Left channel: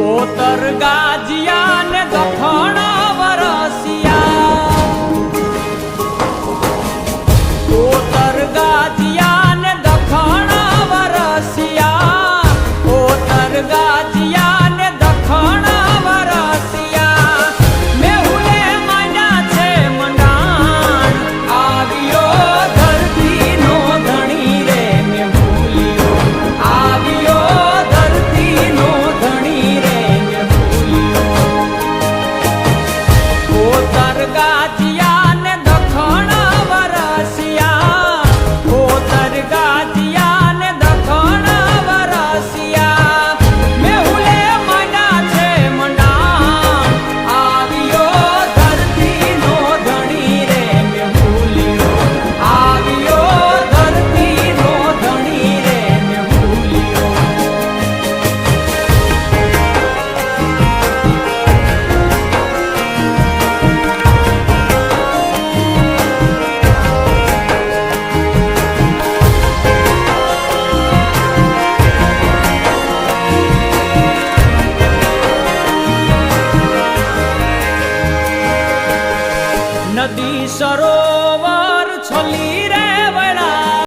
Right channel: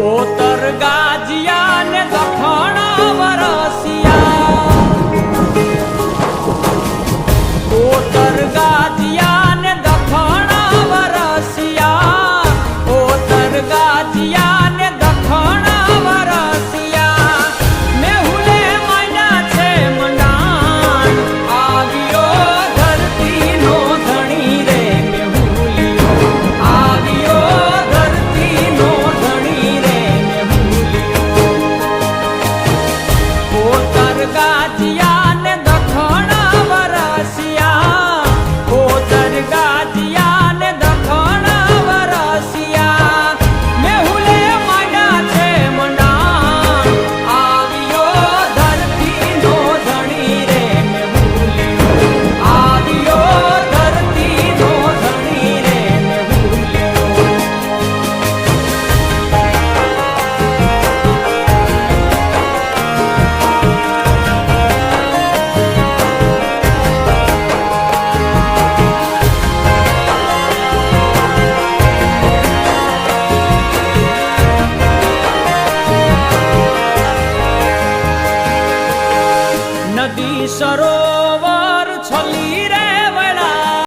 ओतर गाजिया ने दखण वरसिया ओतर गाजिया ने दखण वरसिया ओतर गाजिया ने दखण वरसिया मेहुले मायना छे मंडाण आवियो धरती नो धणी रे मेहुलियो आवियो धरती नो धणी रे मेहुलियो ओतर गाजिया ने दखण वरसिया ओतर गाजिया ने दखण वरसिया मेहुले मांडा छे मंडाण आवियो धरती नो धणी रे मेहुलियो आवियो धरती नो धणी रे मेहुलियो नदी सरोवर छली रे